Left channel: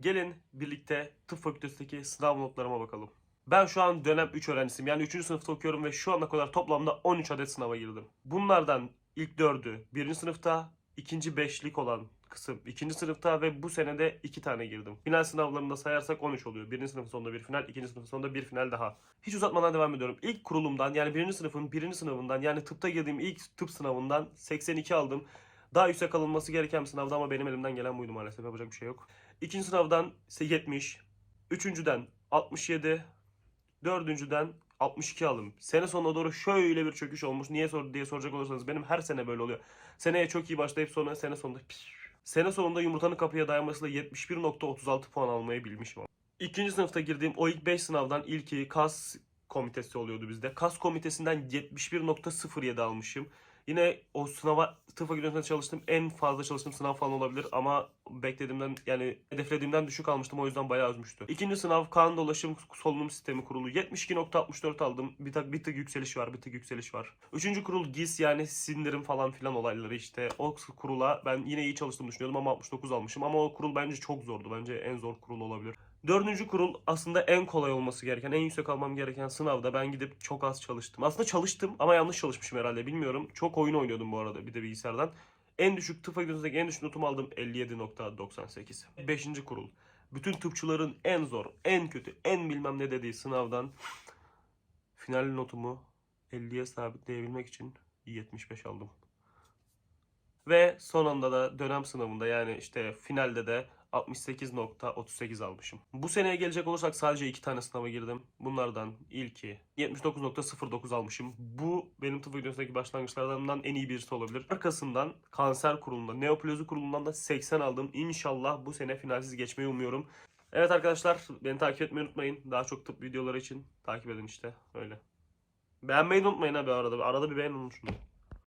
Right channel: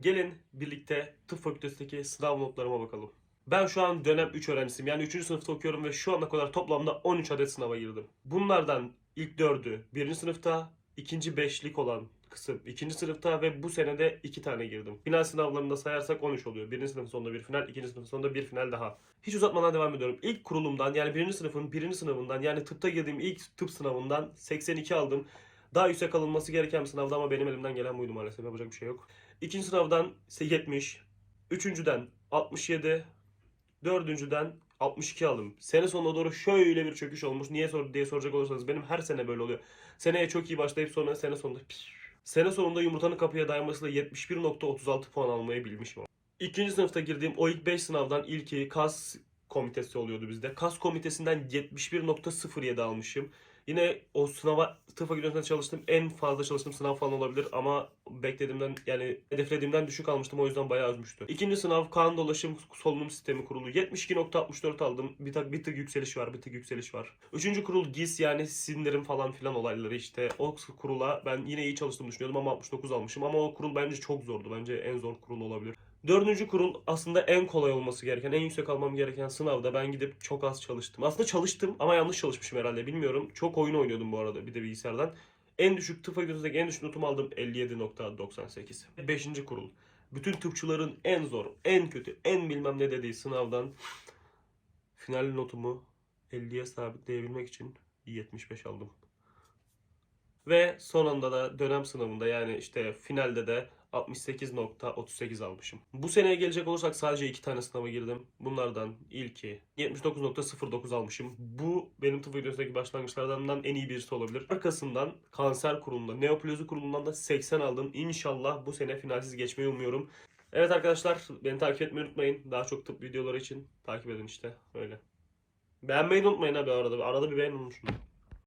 Gelin birlikte tıp fakültesindeki sınav notlarıma bakalım. Ben şu an dönem 3 öğrencisiyim. Yani 3. sınıfta okuyorum ve şu ana kadar toplamda 13 adet sınava girdim. Bunlardan ilk 4'ü 1. sınıfta, ikinci 5'lik olan kısım 2. sınıfta ve bu sene de 2 tane girdim. Final sınavlarında sayarsak 13 oluyor. 1. sınıfın sonunda bir final, 2. sınıfın sonunda bir final daha. Hiç uzatmadan devam ediyorum. İlk kurulumdan yani 1. sınıfın 1. sınavından yani tıpta girdiğim ilk tıp sınavından 82 aldım. Daha yüksek alınması gereken bir sınavdı ama benim elimden gelen buydu maalesef. Yapacak bir şey yok. İkinci sınavdan ise 70. Üçüncüden 67. Dördüncüden 62 aldım. Sene sonuna doğru şöyle bir çöküş olmuş. Niye sor diye soracak olursanız benim her sene böyle oluyor. Seneye çok iyi başlayıp sonra sene sonunda Sene sonunda yumurtanın kapıya dayanmasıyla 71.36 puan almayı bilmişim. İkinci sınıfta girdiğim o ilk 5 sınavdan ilki KAS komitesi oluyordu bizde. KAS komitesinden 71.07 almışım. Yine o sınava tıp fakültesinde çalıştım. En fazla çalıştığım sınav falan olabilir ama beklediğimden yani hedeflediğimden düşük almıştım o yüzden bayağı üzmüştü. İkinci sınav kan dolaşım solunum sistemi kurulu. 72.64 aldım. Bir tık, bir tık yükseliş var, bir tık yükseliş var. Üçüncü kurul GIS yani sindirim falan filan olayları işte. O kurula ben yine iyi çalıştığımı düşünüyordum ama 69 almışım. Ama o kurul bence çok zordu. Bence en zor kurul olabilir. Dördüncü kurul aslında en kolay olması gereken, en yüksek almam gereken sınavda ben gidip çok az çalıştım. Aslında çalıştım ama yanlış çalışmışım herhalde bilmiyorum. Çok oyun oynuyordum bu arada bir de bilgisayardan. En düşük tıp fakültesindeki en düşük notumu aldım 57.98. Beşinci kurul. Bütün tıpçıların en zor, en kötü, en bilmem ne dediği sınavdan final notumu 50'ye sabitleyebilmek için 75 aldım. Ve sonunda da dönem sınavında yani işte finalde de 68.38 almışım. Bu seneye gelecek olursak sadece iki tane sınava girdim. Bunlardan ilki 79.09 almışım. Bu benim tıp fakültesindeki başlangıçlardan en iyi birisi olabilir. Arkasından kanser kurulundan, neoplezi kurulundan da 80 aldım. İnşallah bu sene finalsiz geçmeyi umuyorum. Evet arkadaşlar beni takip etmeyi unutmayın. Daha çok tıp videoları için takip edin işte öyle. Beğenmeyi unutmayın abi arada. Arada bir beğenin unutmayın.